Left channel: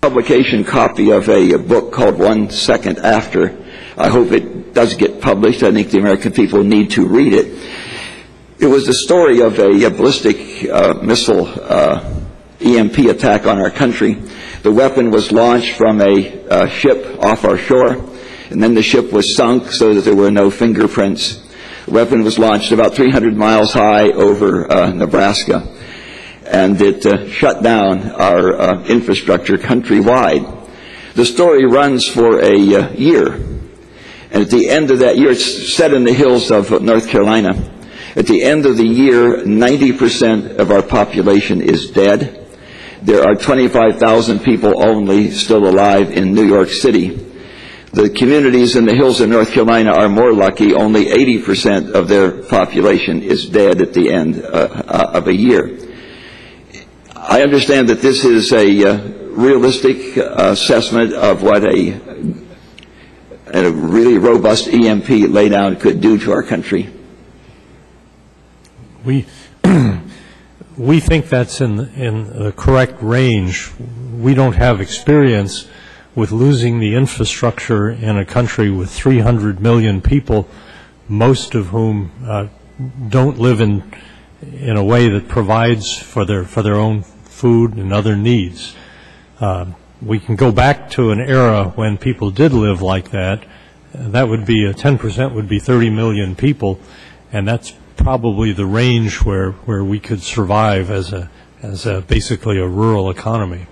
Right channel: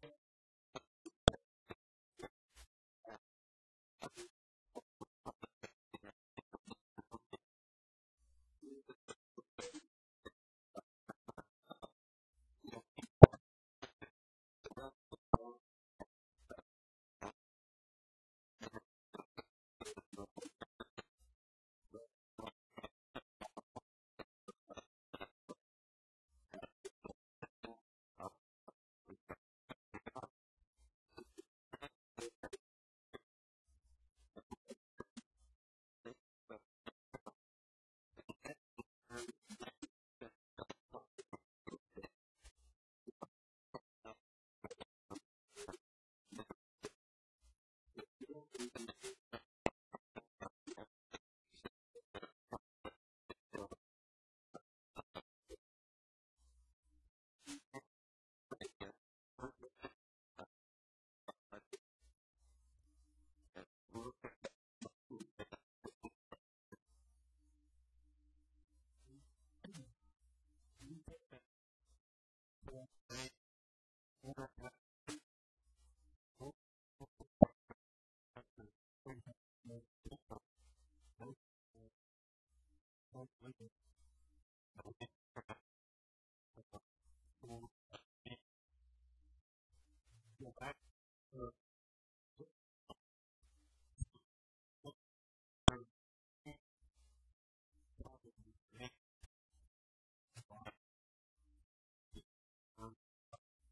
publication copy of a book called 1 Second After. I hope it does get published. I think the American people need to read it. It was the story of a ballistic missile EMP attack on our country. The weapon was launched from a ship off our shore, and then the ship was sunk so that there were no fingerprints. The weapon was launched about 300 miles high over Nebraska, and it shut down our infrastructure countrywide. The story runs for a year, and at the end of that year, it's set in the hills of North Carolina. At the end of the year, 90% of our population is dead. There are 25,000 people only still alive in New York City. The communities in the hills of North Carolina are more lucky. Only 80% of their population is dead at the end of a year. I understand that this is a realistic assessment of what a really robust EMP laydown could do to our country. We think that's in the correct range. We don't have experience with losing the infrastructure in a country with 300 million people, most of whom don't live in a way that provides for their own food and other needs. We can go back to an era when people did live like that. That would be 10% would be 30 million people, and that's probably the range where we could survive as basically a rural economy.